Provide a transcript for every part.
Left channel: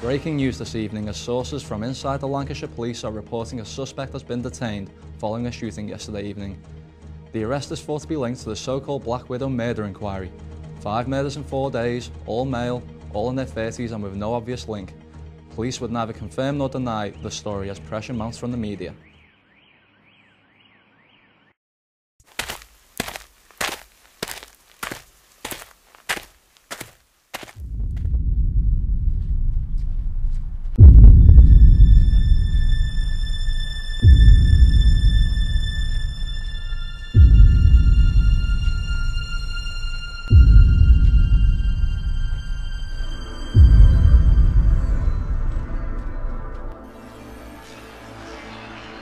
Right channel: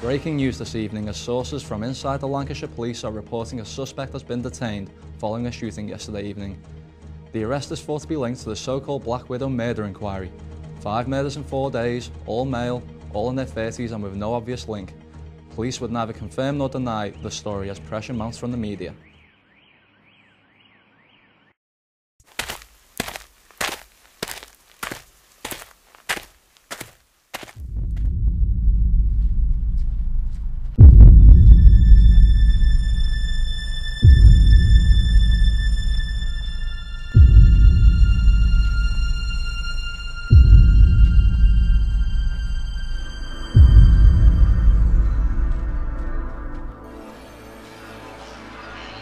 Breaking news this evening as sources from inside the Lancashire Police are reporting a suspect has been detained following a shooting yesterday evening. The arrest is thought to be linked to the so-called Black Widow murder inquiry. 5 murders in 4 days, all male, all in their 30s and with no obvious link. Police would neither confirm nor deny the story as pressure mounts from the media.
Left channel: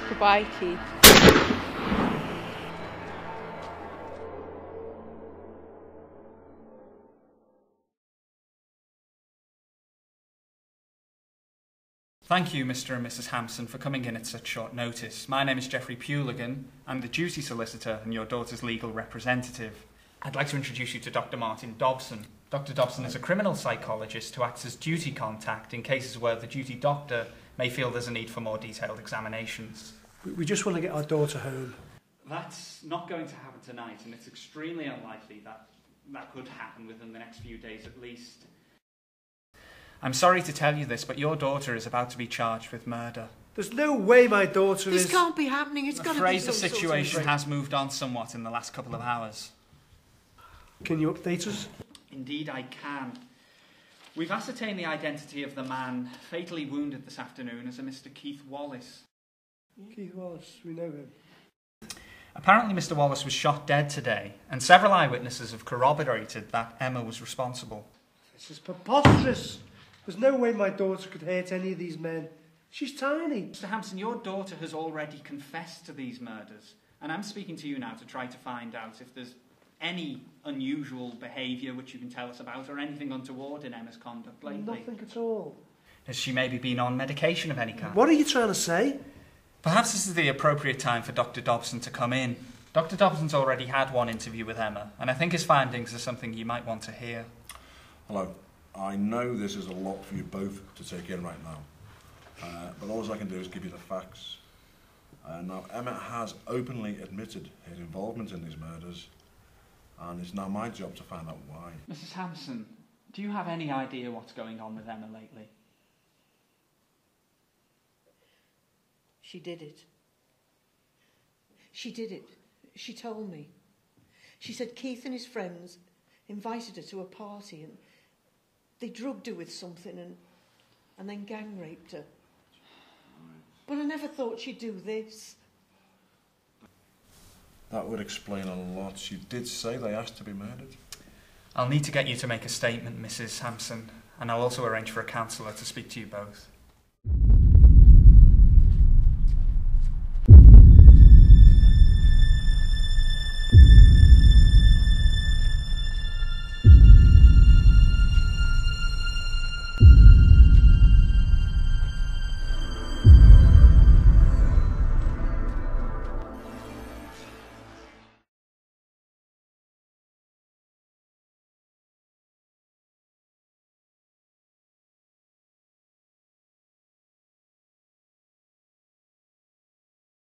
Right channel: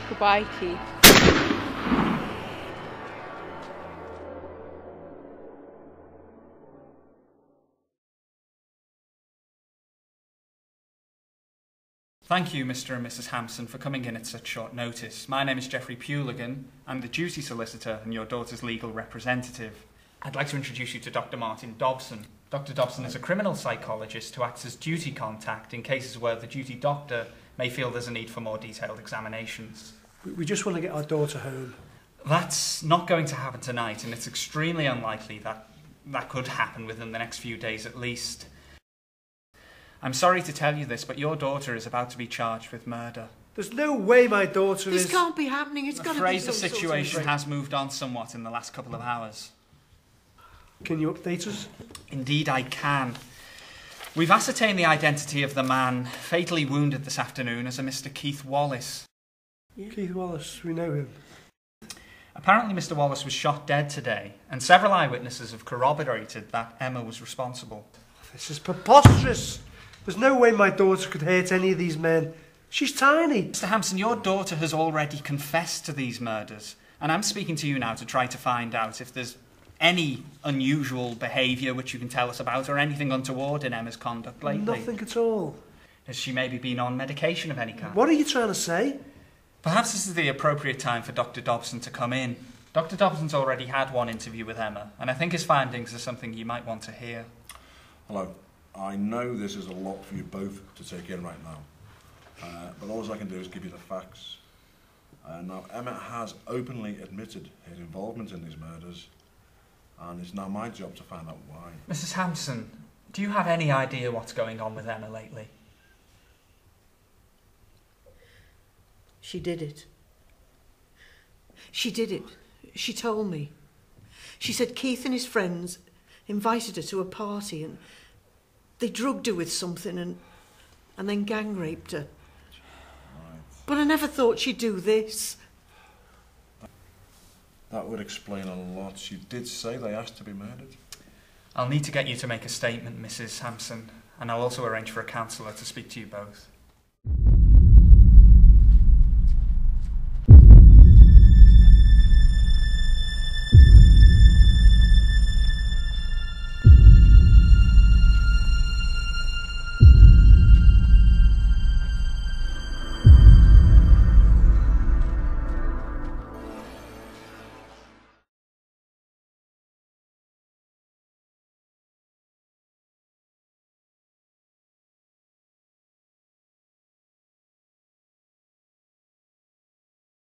Goodbye, Keith. Thank you, Mr. and Mrs. Hampson, for coming in at such short notice. My name is Geoffrey Puligan. I'm the duty solicitor and your daughter's legal representative. I'd like to introduce you to Dr. Martin Dobson. Dr. Dobson is a criminal psychologist who acts as duty contact in cases where the duty doctor may feel there's a need for more detailed examinations. We just want to get our daughter home. That's not going to happen tonight, and it's extremely unlikely that that could happen within the next few days at least. I'm sorry to tell you this, but your daughter is about to be charged with murder. There's no way my daughter is... This can't be happening. It's got to be I'm afraid the some situation sort of... has moved on somewhat in the last couple of hours. Can you update us? Indeed I can. We've ascertained the identity of the man fatally wounded this afternoon as a Mr. Keith Wallace. Keith Wallace, we know him. Apparently Mr. Wallace was shot dead today, and several eyewitnesses have corroborated that Emma was responsible. This is preposterous. There's no way my daughter could hurt any of these men. She's tiny. Mr. Hampson, your daughter has already confessed to these murders, and I'm speaking to you now to try to find out if there's any unusual behaviour which you can tell us about, or anything untoward in Emma's conduct lately. Nothing at all. Has she maybe been on medication of any kind? What are you trying to say? Perhaps this is the appropriate time for Dr. Dobson to come in. Dr. Dobson's already had one interview with Emma, and I think his findings are something you might want to hear. Hello. I know this is a lot for you both to take in right now, but all I can do is give you the facts. Now, Emma has openly admitted her involvement in these murders, and it's now my job to find out why. Mrs. Hampson, do you have any idea what's going on with Emma lately? She did it. She did it. She told me. She said Keith and his friends invited her to a party and they drugged her with something and then gang raped her. Right. But I never thought she'd do this. That would explain a lot. She did say they asked to be murdered. I'll need to get you to make a statement, Mrs. Hampson, and I'll also arrange for a counsellor to speak to you both.